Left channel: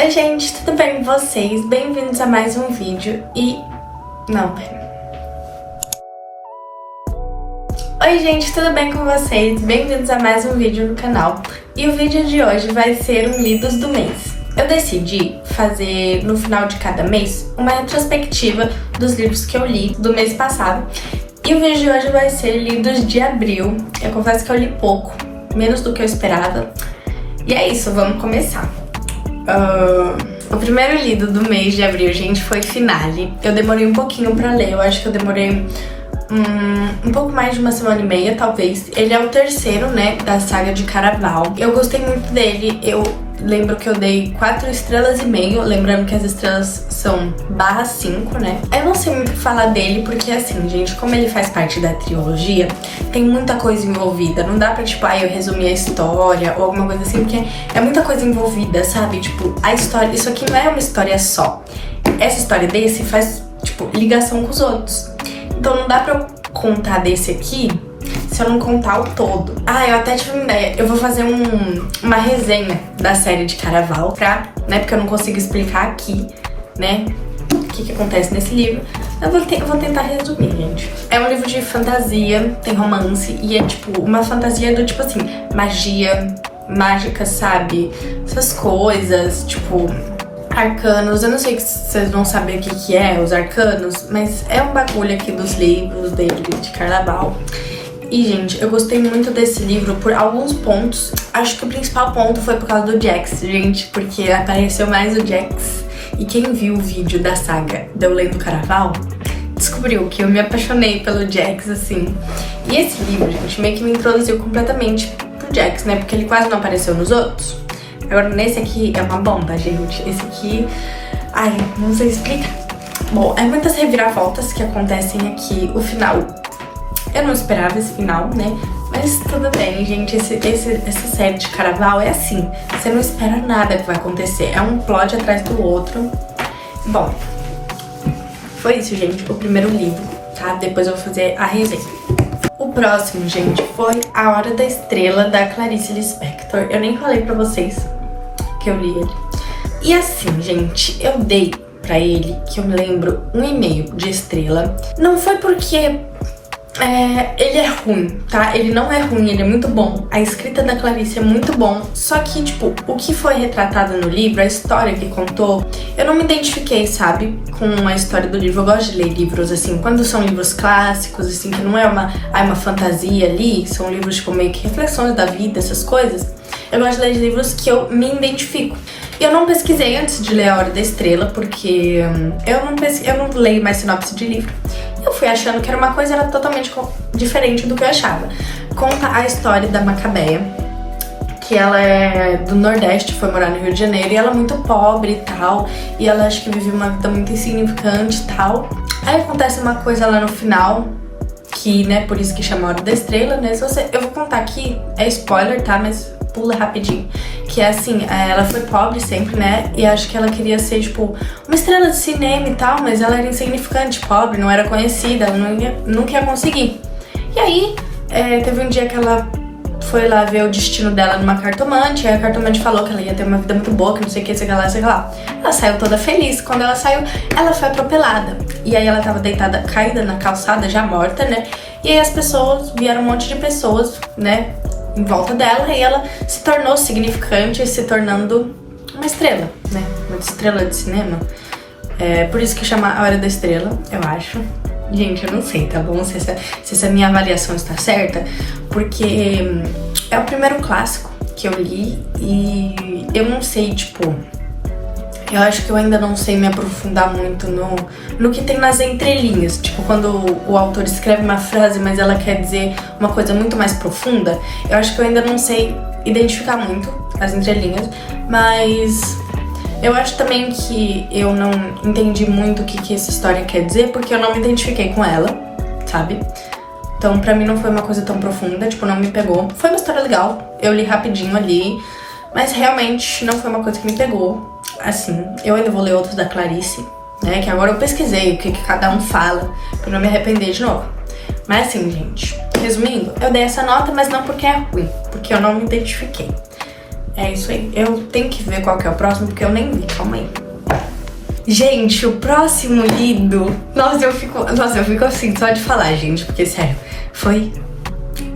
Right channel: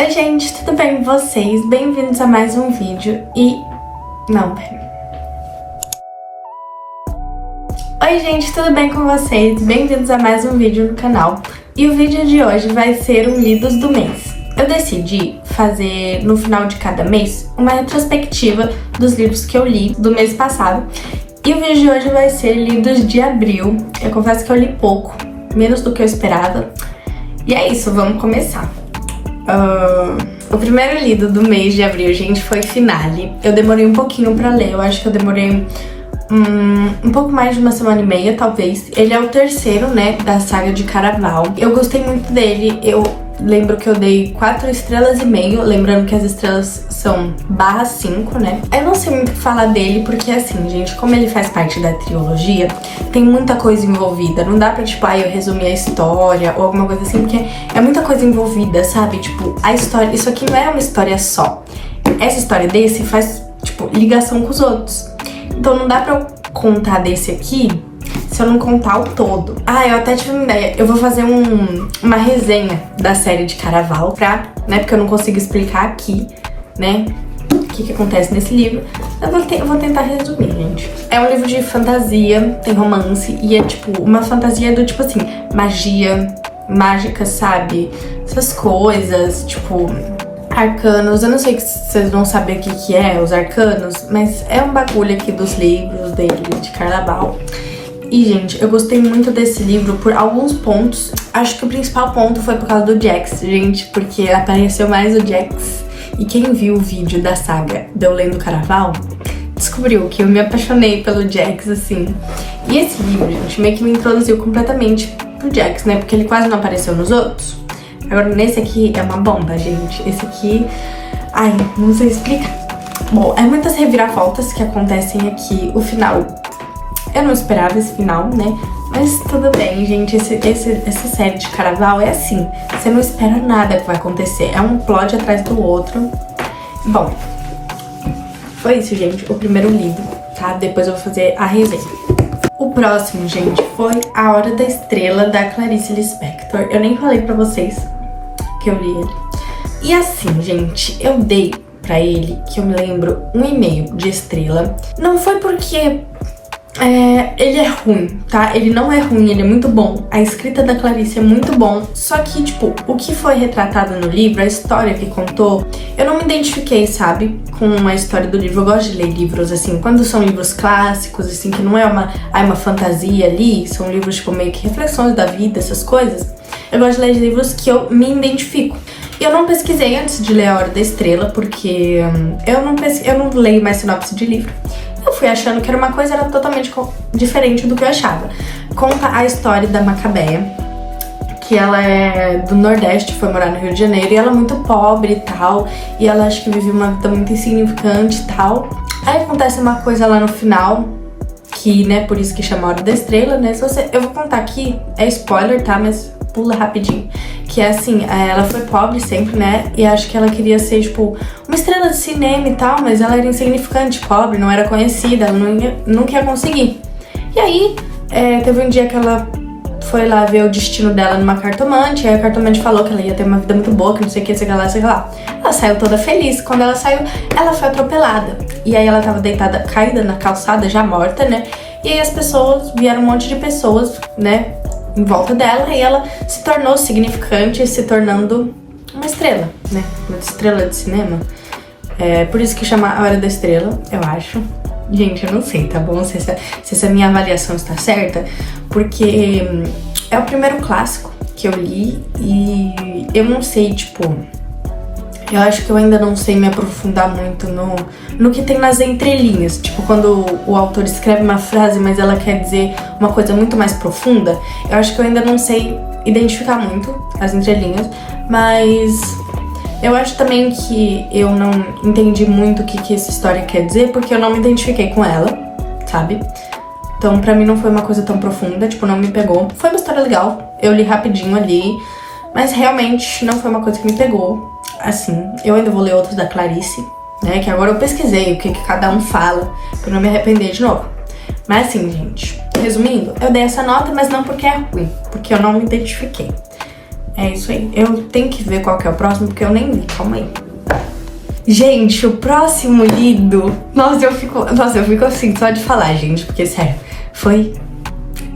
Oi gente, tudo bem com vocês? Bem-vindos a mais um vídeo Oi gente, tudo bem com vocês? Bem-vindos a mais um vídeo no canal. E o vídeo de hoje vai ser um Lidos do mês. Eu decidi fazer no final de cada mês uma retrospectiva dos livros que eu li do mês passado. E o vídeo de hoje vai ser Lidos de abril. Eu confesso que eu li pouco, menos do que eu esperava. E é isso, vamos começar. O primeiro lido do mês de abril, gente, foi Finale. Eu demorei um pouquinho pra ler, eu acho que eu demorei um pouco mais de uma semana e meia, talvez. Ele é o terceiro, né, da saga de Caraval. Eu gostei muito dele, eu lembro que eu dei 4,5 estrelas, lembrando que as estrelas são /5, né? Eu não sei muito o que falar dele, porque assim, gente, como ele faz parte da trilogia, tem muita coisa envolvida. Não dá pra, tipo, eu resumir a história ou alguma coisa assim, porque é muita coisa envolvida, sabe? Tipo, a história, isso aqui não é uma história só. Essa história desse faz, tipo, ligação com os outros. Então não dá pra eu contar desse aqui se eu não contar o todo. Eu até tive uma ideia. Eu vou fazer uma resenha da série de Caraval, né? Porque eu não consigo explicar aqui, né? O que acontece nesse livro. Eu vou tentar resumir, gente. É um livro de fantasia, tem romance. E é tipo, uma fantasia do tipo assim, magia, mágica, sabe? Essas coisas, tipo, arcanos. Eu não sei se vocês vão saber o que é os arcanos, mas é um bagulho aqui dos livros dele, de Caraval. E, gente, eu gostei muito desse livro por alguns pontos. Acho que o principal ponto foi por causa do Jax, gente, porque apareceu mais o Jax. E quem viu o vídeo da saga de eu lendo Caraval, descobriu que eu me apaixonei pelo Jax, assim. E esse livro, gente, meio que me introduziu completamente pro Jax, né, porque ele quase não apareceu nos outros. Agora, nesse aqui é uma bomba, gente. Esse aqui, não sei explicar. Bom, é muitas reviravoltas que acontecem aqui. O final, eu não esperava esse final, né? Mas tudo bem, gente. Essa série de Caraval é assim. Você não espera nada que vai acontecer. É um plot atrás do outro. Bom, foi isso, gente. O primeiro livro, tá? Depois eu vou fazer a resenha. O próximo, gente, foi A Hora da Estrela, da Clarice Lispector. Eu nem falei pra vocês que eu li ele. E assim, gente, eu dei pra ele, que eu me lembro, 1,5 de estrela. Não foi porque ele é ruim, tá? Ele não é ruim, ele é muito bom. A escrita da Clarice é muito bom. Só que, tipo, o que foi retratado no livro, a história que contou, eu não me identifiquei, sabe? Com a história do livro. Eu gosto de ler livros, assim, quando são livros clássicos, assim, que não é uma fantasia ali. São livros, tipo, meio que reflexões da vida, essas coisas. Eu gosto de ler livros que eu me identifico. E eu não pesquisei antes de ler A Hora da Estrela, porque eu não leio mais sinopse de livro. Eu fui achando que era uma coisa, era totalmente diferente do que eu achava. Conta a história da Macabeia, que ela é do Nordeste, foi morar no Rio de Janeiro, e ela é muito pobre e tal, e ela acho que vive uma vida muito insignificante e tal. Aí acontece uma coisa lá no final, que, né, por isso que chama A Hora da Estrela, né? Eu vou contar aqui, é spoiler, tá? Mas pula rapidinho. Que é assim, ela foi pobre sempre, né? E acho que ela queria ser, tipo, uma estrela de cinema e tal, mas ela era insignificante, pobre, não era conhecida, ela nunca ia conseguir. E aí, teve um dia que ela foi lá ver o destino dela numa cartomante, aí a cartomante falou que ela ia ter uma vida muito boa, que não sei o que, sei lá, sei lá. Ela saiu toda feliz. Quando ela saiu, ela foi atropelada. E aí ela tava deitada, caída na calçada, já morta, né? E aí as pessoas, vieram um monte de pessoas, né, em volta dela, e ela se tornou significante, se tornando uma estrela, né? Uma estrela de cinema. Por isso que chama A Hora da Estrela, eu acho. Gente, eu não sei, tá bom? Se essa minha avaliação está certa, porque é o primeiro clássico que eu li e eu não sei, tipo, eu acho que eu ainda não sei me aprofundar muito no que tem nas entrelinhas. Tipo, quando o autor escreve uma frase, mas ela quer dizer uma coisa muito mais profunda, eu acho que eu ainda não sei identificar muito as entrelinhas, mas eu acho também que eu não entendi muito o que essa história quer dizer, porque eu não me identifiquei com ela, sabe? Então pra mim não foi uma coisa tão profunda, tipo, não me pegou. Foi uma história legal, eu li rapidinho ali, mas realmente não foi uma coisa que me pegou. Assim, eu ainda vou ler outros da Clarice, né, que agora eu pesquisei o que cada um fala, pra não me arrepender de novo. Mas assim, gente, resumindo, eu dei essa nota, mas não porque é ruim, porque eu não me identifiquei. É isso aí. Eu tenho que ver qual que é o próximo, porque eu nem vi. Calma aí. Gente, o próximo lido... Nossa, eu fico assim, só de falar, gente. Porque, sério, foi...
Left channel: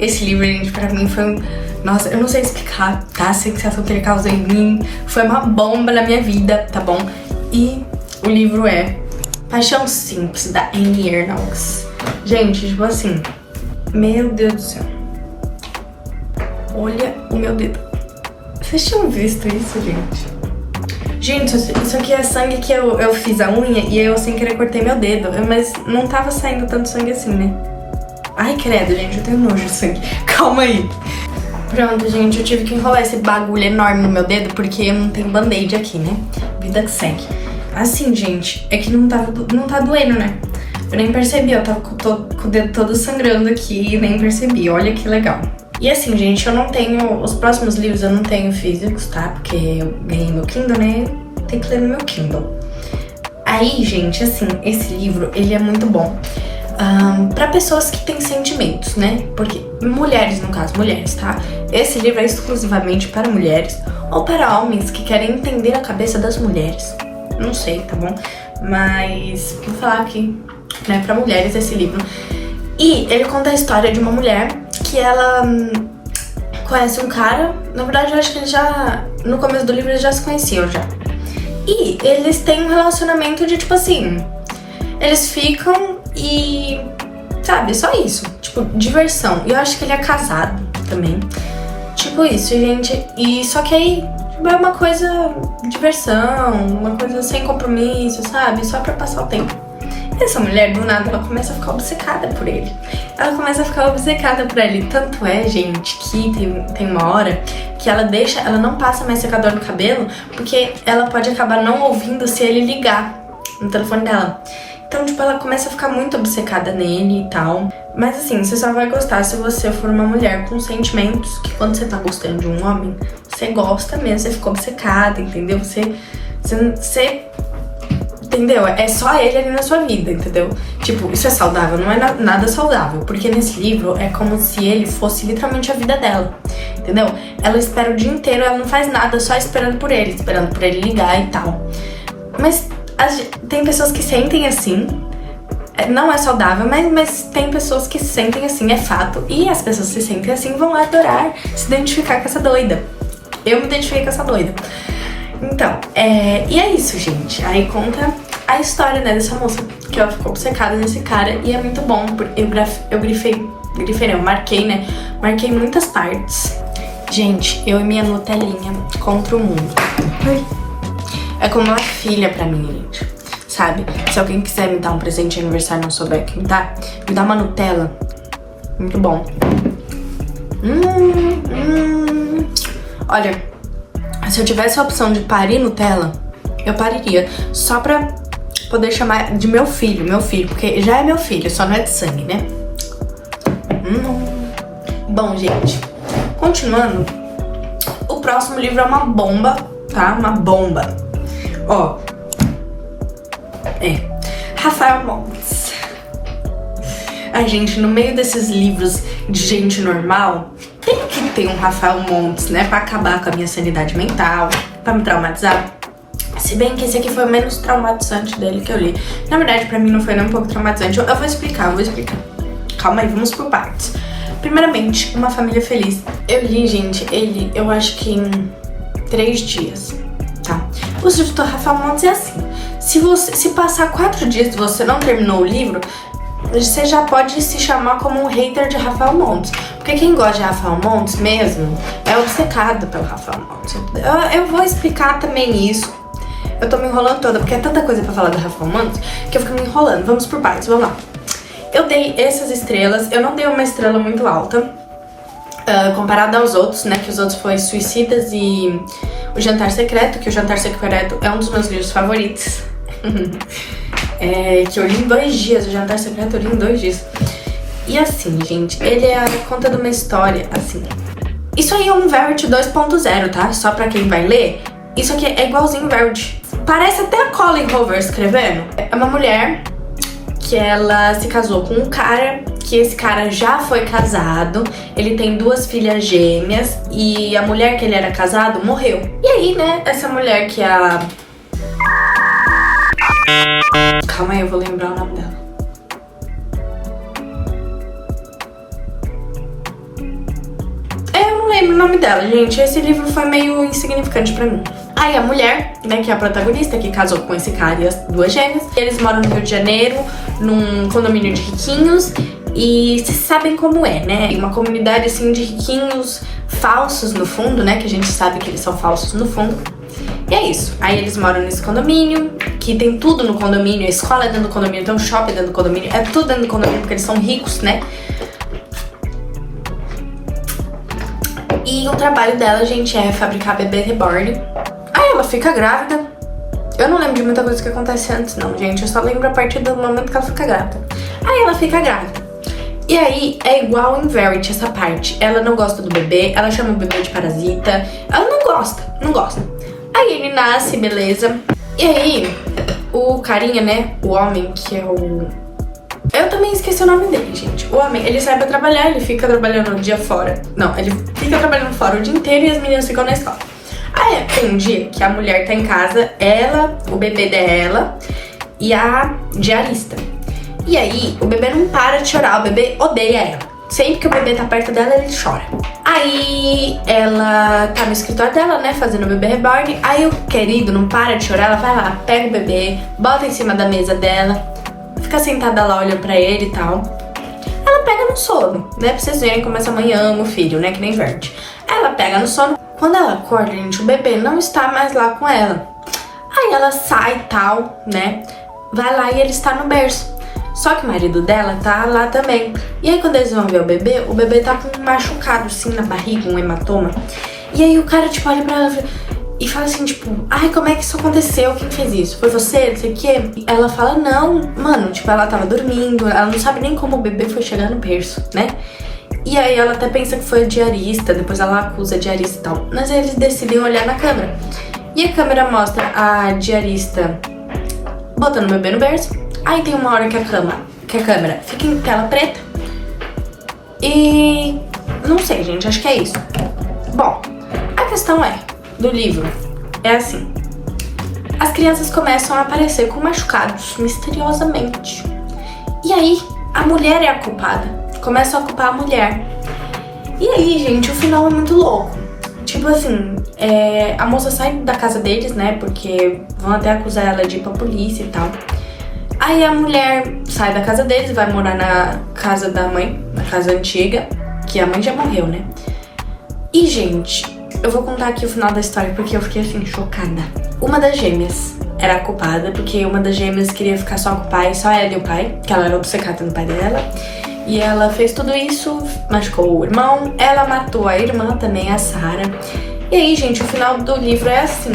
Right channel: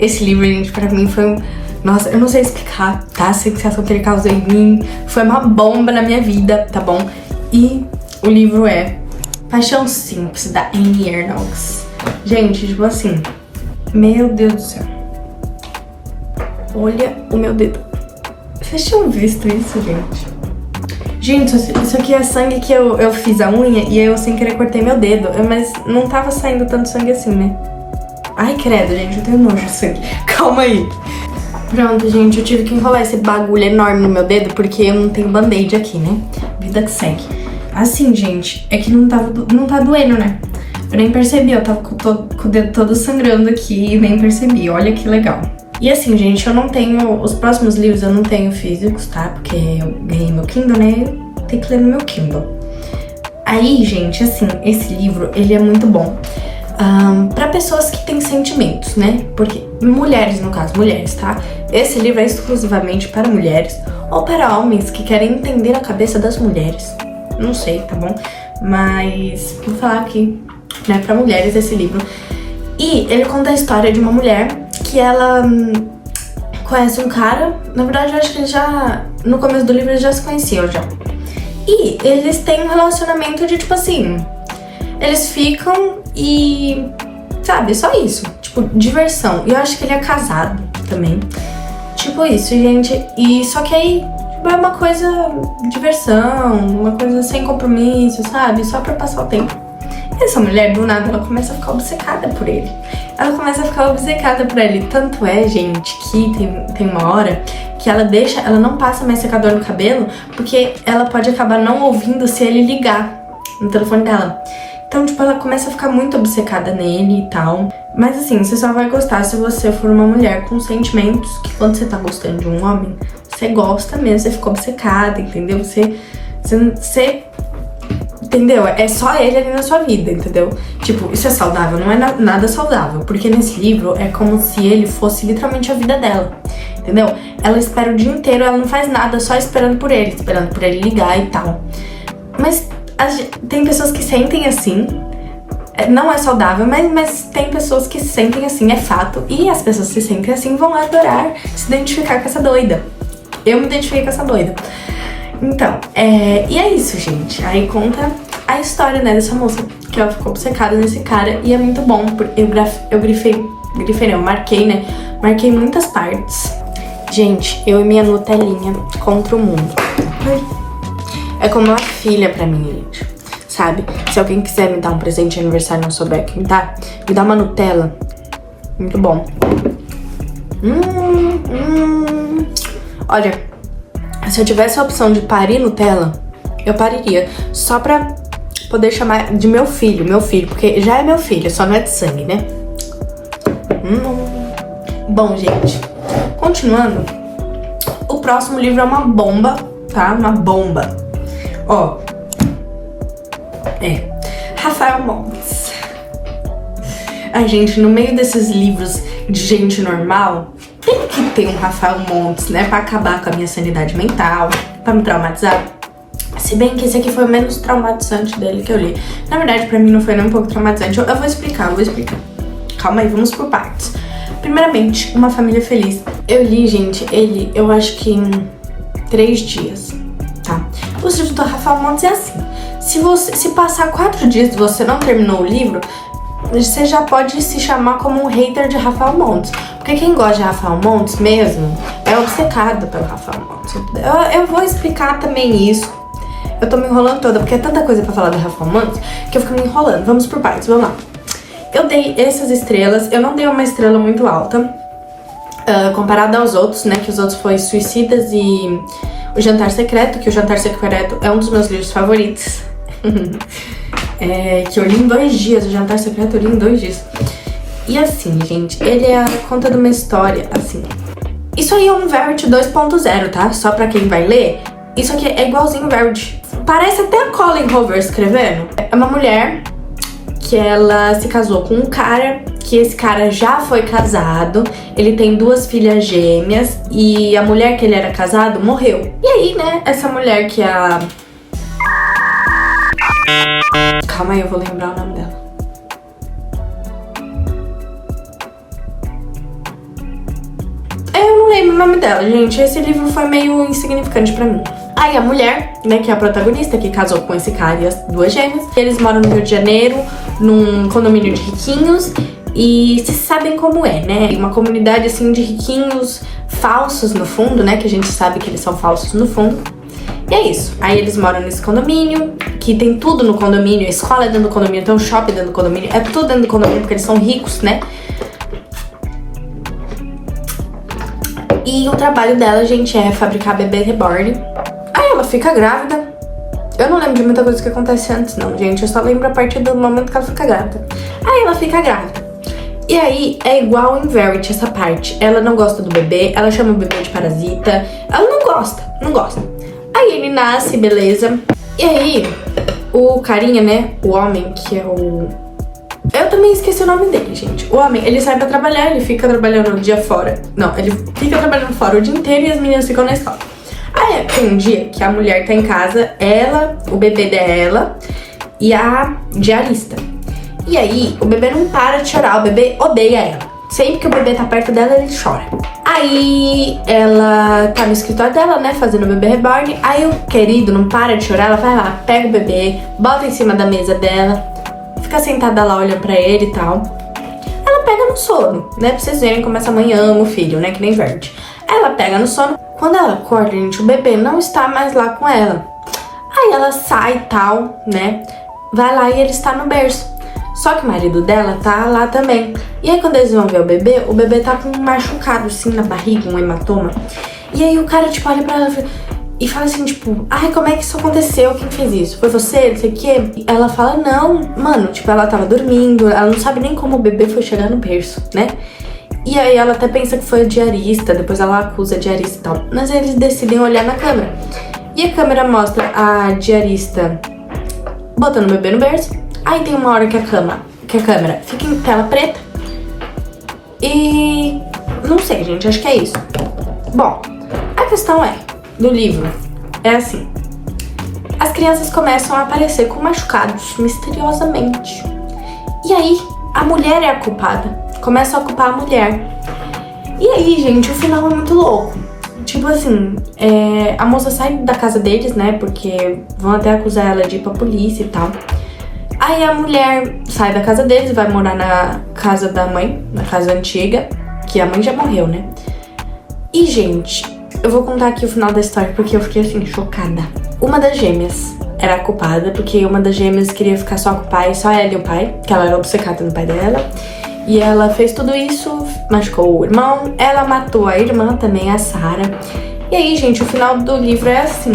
Esse livro, gente, pra mim foi... Nossa, eu não sei explicar, tá? A sensação que ele causou em mim foi uma bomba na minha vida, tá bom? E o livro é Paixão Simples, da Annie Ernaux. Gente, tipo assim... Meu Deus do céu. Olha o meu dedo. Vocês tinham visto isso, gente? Gente, isso aqui é sangue que eu fiz a unha e eu sem querer cortei meu dedo. Mas não tava saindo tanto sangue assim, né? Ai, credo, gente, eu tenho nojo de sangue. Calma aí. Pronto, gente, eu tive que enrolar esse bagulho enorme no meu dedo porque eu não tenho band-aid aqui, né? Vida que segue. Assim, gente, é que não tá doendo, né? Eu nem percebi, eu tava com o dedo todo sangrando aqui e nem percebi. Olha que legal. E assim, gente, eu não tenho... Os próximos livros eu não tenho físicos, tá? Porque eu ganhei meu Kindle, né? Tem que ler no meu Kindle. Aí, gente, assim, esse livro, ele é muito bom. Pra pessoas que têm sentimentos, né? Porque mulheres, no caso, mulheres, tá? Esse livro é exclusivamente para mulheres ou para homens que querem entender a cabeça das mulheres. Não sei, tá bom? Mas vou falar aqui, né, pra mulheres esse livro. E ele conta a história de uma mulher que ela conhece um cara. Na verdade, eu acho que eles já... No começo do livro eles já se conheciam já. E eles têm um relacionamento de, tipo assim... Eles ficam e... Sabe, só isso. Tipo, diversão. E eu acho que ele é casado também. Tipo isso, gente. E só que aí... Tipo, é uma coisa... Diversão. Uma coisa sem compromisso, sabe? Só pra passar o tempo. Essa mulher, do nada, ela começa a ficar obcecada por ele. Ela começa a ficar obcecada por ele. Tanto é, gente, que tem uma hora que ela não passa mais secador no cabelo, porque ela pode acabar não ouvindo se ele ligar no telefone dela. Então, tipo, ela começa a ficar muito obcecada nele e tal. Mas assim, você só vai gostar se você for uma mulher com sentimentos, que quando você tá gostando de um homem, você gosta mesmo, você fica obcecada, entendeu? Você entendeu? É só ele ali na sua vida, entendeu? Tipo, isso é saudável? Não é nada saudável, porque nesse livro é como se ele fosse literalmente a vida dela, entendeu? Ela espera o dia inteiro, ela não faz nada, só esperando por ele ligar e tal. Mas tem pessoas que sentem assim, não é saudável, mas tem pessoas que se sentem assim, é fato. E as pessoas que se sentem assim vão adorar se identificar com essa doida. Eu me identifiquei com essa doida. Então, e é isso, gente. Aí conta a história, né, dessa moça, que ela ficou obcecada nesse cara. E é muito bom, porque eu marquei, né? Marquei muitas partes. Gente, eu e minha Nutelinha contra o mundo. Ai. É como uma filha pra mim, gente. Sabe? Se alguém quiser me dar um presente de aniversário e não souber quem tá, me dá uma Nutella. Muito bom. Olha, se eu tivesse a opção de parir Nutella, eu pariria. Só pra poder chamar de meu filho, porque já é meu filho, só não é de sangue, né? Bom, gente, continuando, o próximo livro é uma bomba, tá? Uma bomba. Ó, Rafael Montes. Ai, gente, no meio desses livros de gente normal, tem que ter um Rafael Montes, né? Pra acabar com a minha sanidade mental, pra me traumatizar. Se bem que esse aqui foi o menos traumatizante dele que eu li. Na verdade, pra mim não foi nem um pouco traumatizante. Eu vou explicar. Calma aí, vamos por partes. Primeiramente, Uma Família Feliz. Eu li, gente, eu acho que em 3 dias, tá? O livro do Rafael Montes é assim. Se passar 4 dias e você não terminou o livro, você já pode se chamar como um hater de Rafael Montes. Porque quem gosta de Rafael Montes mesmo é obcecado pelo Rafael Montes. Eu vou explicar também isso. Eu tô me enrolando toda, porque é tanta coisa pra falar do Rafael Montes que eu fico me enrolando. Vamos por partes, vamos lá. Eu dei essas estrelas, eu não dei uma estrela muito alta, comparada aos outros, né? Que os outros foi Suicidas e O Jantar Secreto, que O Jantar Secreto é um dos meus livros favoritos. Que eu li em 2 dias, O Jantar Secreto eu li em 2 dias. E assim, gente, ele é a conta de uma história, assim. Isso aí é um Verity 2.0, tá? Só pra quem vai ler, isso aqui é igualzinho Verity. Parece até a Colleen Hoover escrevendo. É uma mulher que ela se casou com um cara que esse cara já foi casado, ele tem 2 filhas gêmeas e a mulher que ele era casado morreu. E aí, né, essa mulher que é a... Calma aí, eu vou lembrar o nome dela. Eu não lembro o nome dela, gente. Esse livro foi meio insignificante pra mim. Aí a mulher, né, que é a protagonista, que casou com esse cara e as 2 gêmeas, eles moram no Rio de Janeiro, num condomínio de riquinhos, e vocês sabem como é, né? Uma comunidade, assim, de riquinhos falsos no fundo, né? Que a gente sabe que eles são falsos no fundo. E é isso. Aí eles moram nesse condomínio, que tem tudo no condomínio, a escola é dentro do condomínio, tem um shopping dentro do condomínio, é tudo dentro do condomínio, porque eles são ricos, né? E o trabalho dela, gente, é fabricar bebê reborn. Aí ela fica grávida. Eu não lembro de muita coisa que acontece antes, não, gente. Eu só lembro a partir do momento que ela fica grávida. Aí ela fica grávida. E aí é igual em Verity essa parte. Ela não gosta do bebê, ela chama o bebê de parasita. Ela não gosta. Aí ele nasce, beleza. E aí, o carinha, né, o homem, que é o... Eu também esqueci o nome dele, gente. O homem, ele sai pra trabalhar, ele fica trabalhando o dia fora. Não, ele fica trabalhando fora o dia inteiro e as meninas ficam na escola. Aí tem um dia que a mulher tá em casa, ela, o bebê dela e a diarista. E aí, o bebê não para de chorar, o bebê odeia ela. Sempre que o bebê tá perto dela, ele chora. Aí, ela tá no escritório dela, né, fazendo o bebê reborn. Aí o querido não para de chorar, ela vai lá, pega o bebê, bota em cima da mesa dela, fica sentada lá olhando pra ele e tal. Ela pega no sono, né, pra vocês verem como essa mãe ama o filho, né, que nem Verde. Ela pega no sono. Quando ela acorda, gente, o bebê não está mais lá com ela. Aí ela sai e tal, né, vai lá e ele está no berço. Só que o marido dela tá lá também. E aí quando eles vão ver o bebê tá com um machucado assim na barriga, um hematoma. E aí o cara, tipo, olha pra ela e fala assim, tipo, ai, como é que isso aconteceu? Quem fez isso? Foi você? Não sei o quê? E ela fala, não, mano, tipo, ela tava dormindo, ela não sabe nem como o bebê foi chegar no berço, né? E aí ela até pensa que foi a diarista, depois ela acusa a diarista e tal. Mas aí eles decidem olhar na câmera. E a câmera mostra a diarista botando o bebê no berço. Aí tem uma hora que a câmera fica em tela preta. E... não sei, gente, acho que é isso. Bom, a questão é, do livro, é assim. As crianças começam a aparecer com machucados, misteriosamente. E aí, a mulher é a culpada. Começam a culpar a mulher. E aí, gente, o final é muito louco. Tipo assim, a moça sai da casa deles, né, porque vão até acusar ela de ir pra polícia e tal. Aí a mulher sai da casa deles, vai morar na casa da mãe, na casa antiga, que a mãe já morreu, né? E, gente, eu vou contar aqui o final da história porque eu fiquei, assim, chocada. Uma das gêmeas era a culpada, porque uma das gêmeas queria ficar só com o pai, só ela e o pai, que ela era obcecada no pai dela. E ela fez tudo isso, machucou o irmão, ela matou a irmã também, a Sarah. E aí, gente, o final do livro é assim,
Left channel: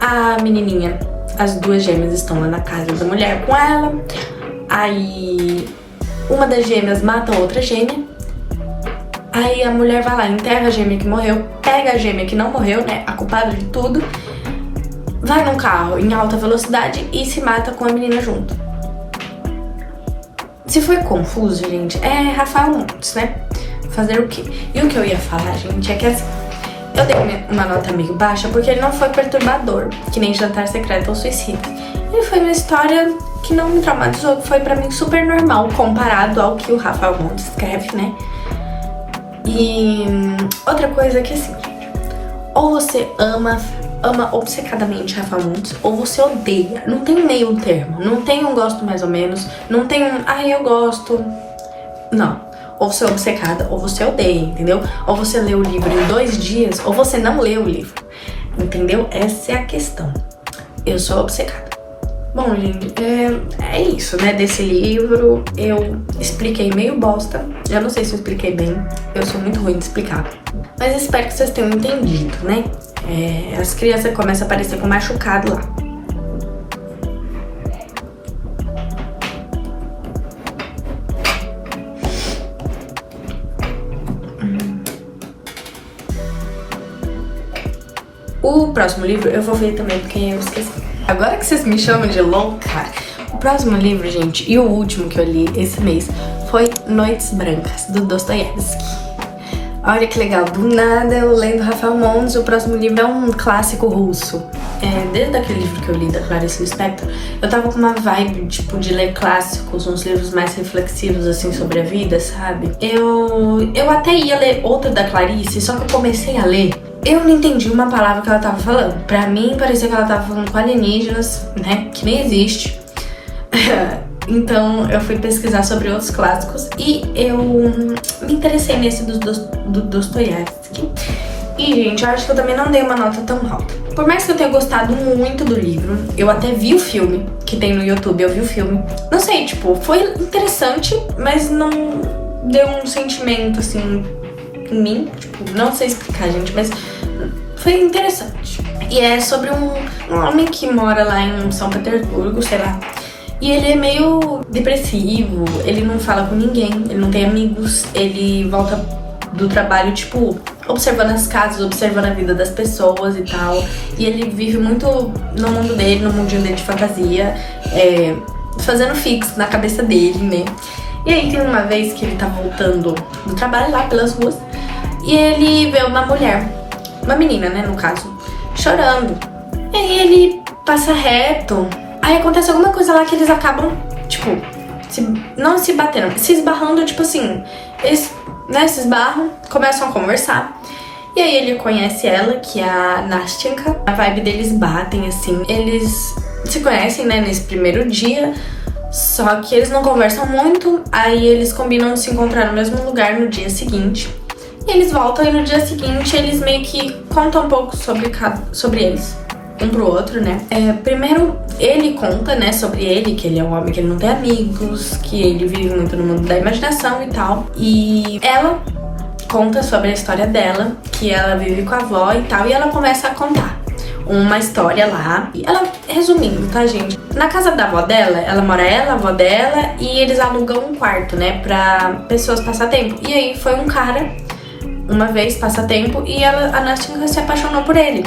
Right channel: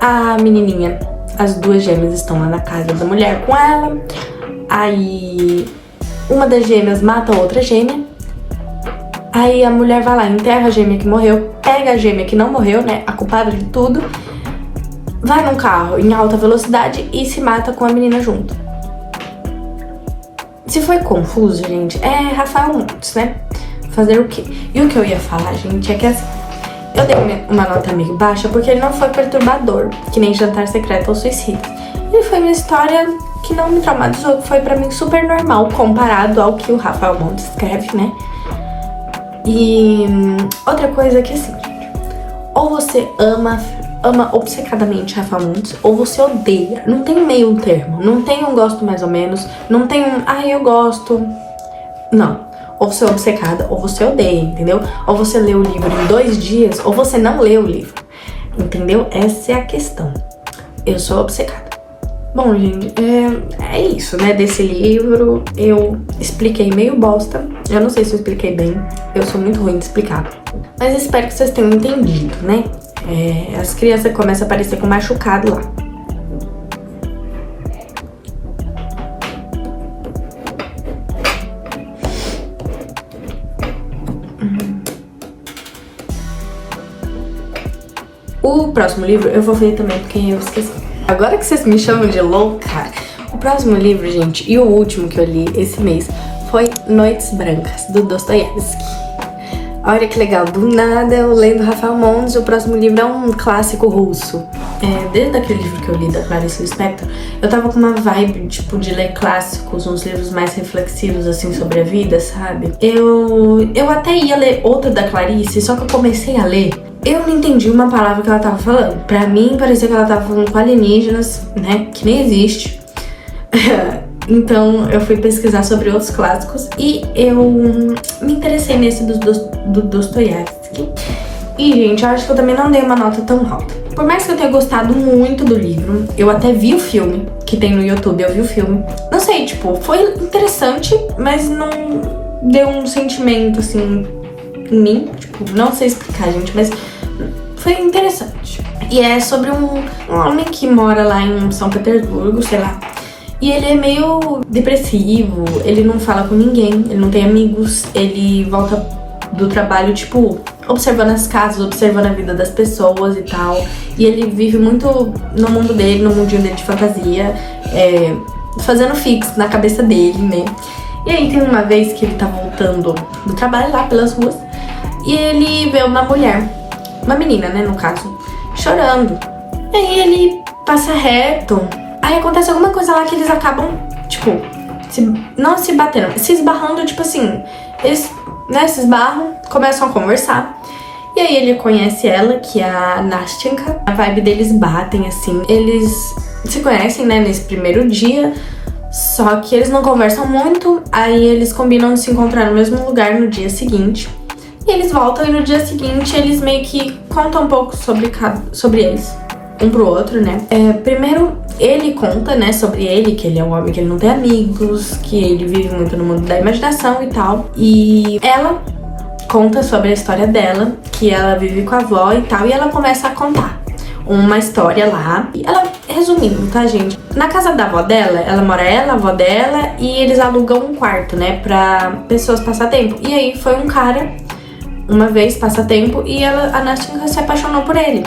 a menininha... As 2 gêmeas estão lá na casa da mulher com ela. Aí uma das gêmeas mata a outra gêmea. Aí a mulher vai lá, enterra a gêmea que morreu, pega a gêmea que não morreu, né, a culpada de tudo, vai num carro em alta velocidade e se mata com a menina junto. Se foi confuso, gente, é Rafael Montes, né? Fazer o quê? E o que eu ia falar, gente, é que assim, eu dei uma nota meio baixa porque ele não foi perturbador, que nem Jantar Secreto ou Suicida. Ele foi uma história que não me traumatizou, que foi pra mim super normal, comparado ao que o Rafael Montes escreve, né? E outra coisa é que assim, ou você ama obcecadamente Rafael Montes, ou você odeia. Não tem meio termo, não tem um gosto mais ou menos, não tem um, ai, eu gosto. Não. Ou você é obcecada, ou você odeia, entendeu? Ou você lê o livro em 2 dias, ou você não lê o livro, entendeu? Essa é a questão. Eu sou obcecada. Bom, gente, é isso, né? Desse livro, eu expliquei meio bosta. Eu não sei se eu expliquei bem. Eu sou muito ruim de explicar. Mas espero que vocês tenham entendido, né? As crianças começam a aparecer com machucado lá. O próximo livro eu vou ver também, porque eu esqueci. Agora que vocês me chamam de louca, o próximo livro, gente, e o último que eu li esse mês, foi Noites Brancas, do Dostoiévski. Olha que legal, do nada eu lendo Rafael Mondes, o próximo livro é um clássico russo. Desde aquele livro que eu li da Clarice Lispector, eu tava com uma vibe, tipo, de ler clássicos, uns livros mais reflexivos, assim, sobre a vida, sabe? Eu até ia ler outro da Clarice, só que eu comecei a ler, eu não entendi uma palavra que ela tava falando. Pra mim, parecia que ela tava falando com alienígenas, né, que nem existe. Então eu fui pesquisar sobre outros clássicos e eu me interessei nesse do Dostoiévski. E, gente, eu acho que eu também não dei uma nota tão alta. Por mais que eu tenha gostado muito do livro, eu até vi o filme que tem no YouTube, eu vi o filme. Não sei, tipo, foi interessante, mas não deu um sentimento, assim, em mim. Tipo, não sei explicar, gente, mas foi interessante. E é sobre um homem que mora lá em São Petersburgo, sei lá. E ele é meio depressivo, ele não fala com ninguém, ele não tem amigos, ele volta do trabalho, tipo, observando as casas, observando a vida das pessoas e tal. E ele vive muito no mundo dele, no mundinho dele de fantasia, fazendo fix na cabeça dele, né? E aí tem uma vez que ele tá voltando do trabalho lá pelas ruas e ele vê uma mulher, uma menina, né, no caso, chorando. E aí ele passa reto. Aí acontece alguma coisa lá que eles acabam, tipo, não se batendo, se esbarrando, tipo assim, eles, né, se esbarram, começam a conversar. E aí ele conhece ela, que é a Nastenka. A vibe deles batem, assim. Eles se conhecem, né, nesse primeiro dia, só que eles não conversam muito. Aí eles combinam de se encontrar no mesmo lugar no dia seguinte. E eles voltam e no dia seguinte eles meio que contam um pouco sobre eles, um pro outro, né? Primeiro ele conta, né, sobre ele, que ele é um homem que ele não tem amigos, que ele vive muito no mundo da imaginação e tal. E ela conta sobre a história dela, que ela vive com a avó e tal, e ela começa a contar uma história lá. E ela, resumindo, tá, gente? Na casa da avó dela, ela mora ela, a avó dela, e eles alugam um quarto, né, pra pessoas passar tempo. E aí foi um cara, uma vez, passar tempo, e a Nastinka se apaixonou por ele.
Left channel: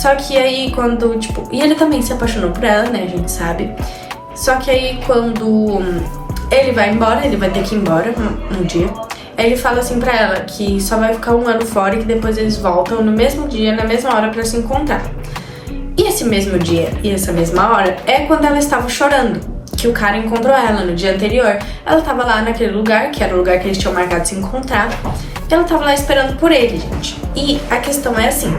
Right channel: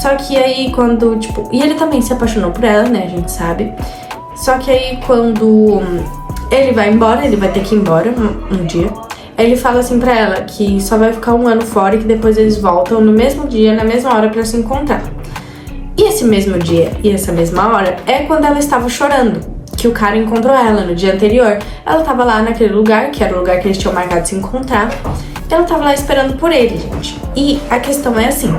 Só que aí quando, tipo... E ele também se apaixonou por ela, né, a gente sabe. Só que aí quando ele vai embora, ele vai ter que ir embora um dia, aí ele fala assim pra ela que só vai ficar 1 ano fora e que depois eles voltam no mesmo dia, na mesma hora pra se encontrar. E esse mesmo dia e essa mesma hora é quando ela estava chorando, que o cara encontrou ela no dia anterior. Ela tava lá naquele lugar, que era o lugar que eles tinham marcado de se encontrar. Ela tava lá esperando por ele, gente. E a questão é assim...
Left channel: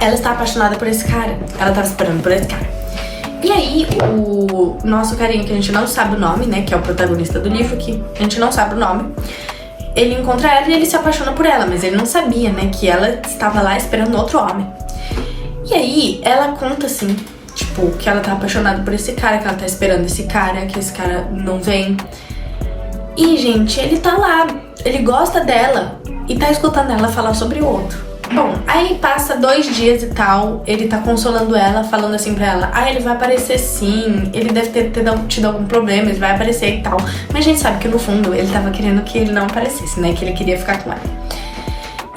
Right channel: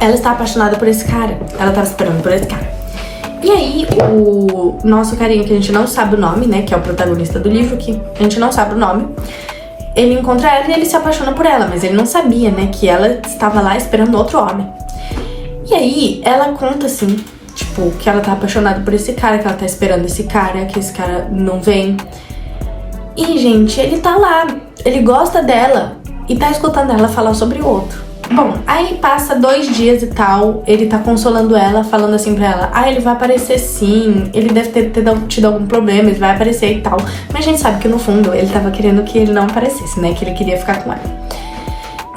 Ela está apaixonada por esse cara. Ela estava esperando por esse cara. E aí, o nosso carinha, que a gente não sabe o nome, né? Que é o protagonista do livro, que a gente não sabe o nome. Ele encontra ela e ele se apaixona por ela. Mas ele não sabia, né? Que ela estava lá esperando outro homem. E aí, ela conta assim, tipo, que ela tá apaixonada por esse cara, que ela tá esperando esse cara, que esse cara não vem. E, gente, ele tá lá. Ele gosta dela e tá escutando ela falar sobre o outro. Bom, aí passa 2 dias e tal, ele tá consolando ela, falando assim pra ela: ele vai aparecer sim, ele deve ter tido algum problema, ele vai aparecer e tal. Mas a gente sabe que no fundo ele tava querendo que ele não aparecesse, né, que ele queria ficar com ela.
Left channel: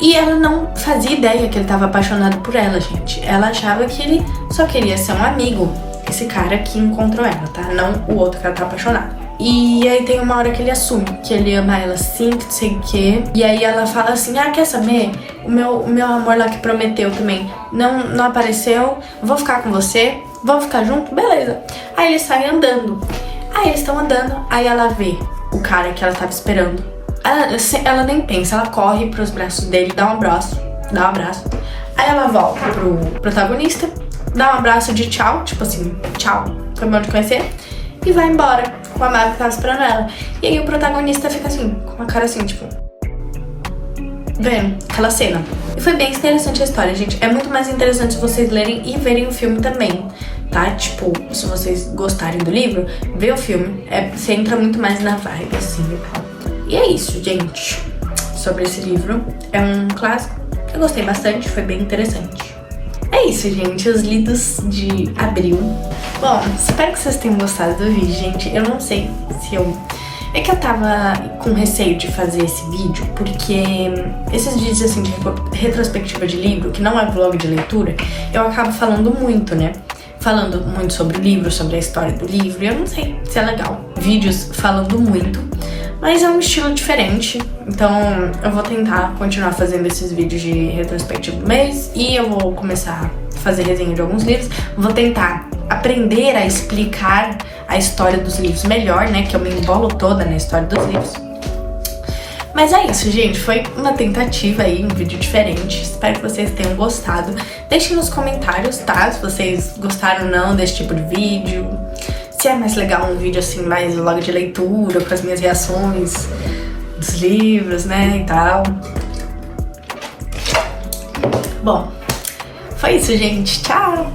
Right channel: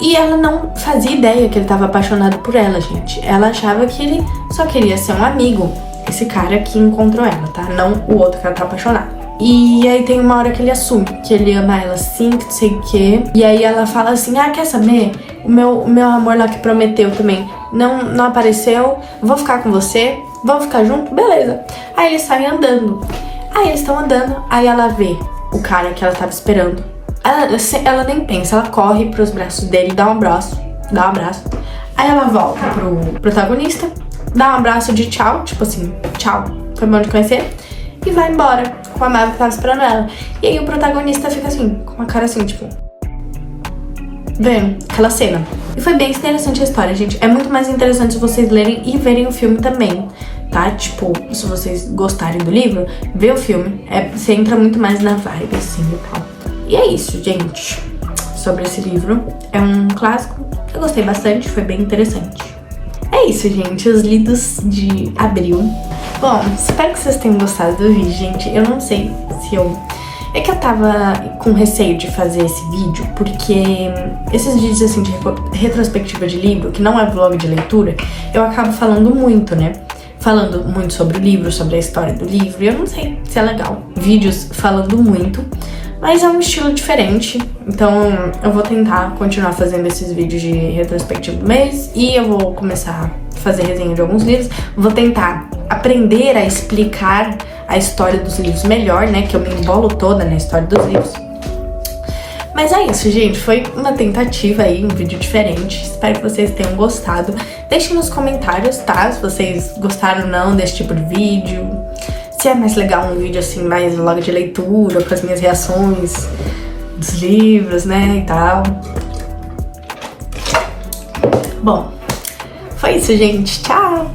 E ela não fazia ideia que ele tava apaixonado por ela, gente. Ela achava que ele só queria ser um amigo, esse cara que encontrou ela, tá? Não o outro que ela tá apaixonada. E aí tem uma hora que ele assume que ele ama ela sim, que não sei o quê. E aí ela fala assim: quer saber? O meu amor lá que prometeu também não apareceu. Vou ficar com você, vamos ficar junto? Beleza. Aí eles saem andando. Aí eles estão andando, aí ela vê o cara que ela tava esperando. Ela nem pensa, ela corre pros braços dele, dá um abraço. Aí ela volta pro protagonista, dá um abraço de tchau, tipo assim, tchau, foi bom te conhecer. E vai embora com a Maga que tava esperando ela. E aí o protagonista fica assim, com uma cara assim, tipo... vendo aquela cena. E foi bem interessante a história, gente. É muito mais interessante se vocês lerem e verem o filme também, tá? Tipo, se vocês gostarem do livro, vê o filme. Você entra muito mais na vibe, assim, e tal. E é isso, gente. Sobre esse livro. É um clássico que eu gostei bastante, foi bem interessante. É isso, gente. Os lidos de abril. Bom, espero que vocês tenham gostado do vídeo, gente. Eu não sei se eu... É que eu tava com receio de fazer esse vídeo, porque esses vídeos, assim, de retrospectiva de livro, que não é vlog de leitura, eu acabo falando muito, né? falando muito sobre o livro, sobre a história do livro. Eu não sei se é legal. Vídeos falando muito, mas é um estilo diferente. Então eu vou tentar continuar fazendo esses vídeos de retrospectiva do mês e eu vou começar a fazer resenha de alguns livros. Vou tentar aprender a explicar a história dos livros melhor, né? Que eu me embolo toda na história dos livros. Mas é isso, gente. Foi uma tentativa aí, um vídeo diferente. Espero que vocês tenham gostado. Deixem nos comentários, tá? Se vocês gostaram ou não desse tipo de vídeo. Se é mais legal um vídeo assim, mais logo de leitura, com as minhas reações dos livros, né, e tal. Bom, foi isso, gente. Tchau!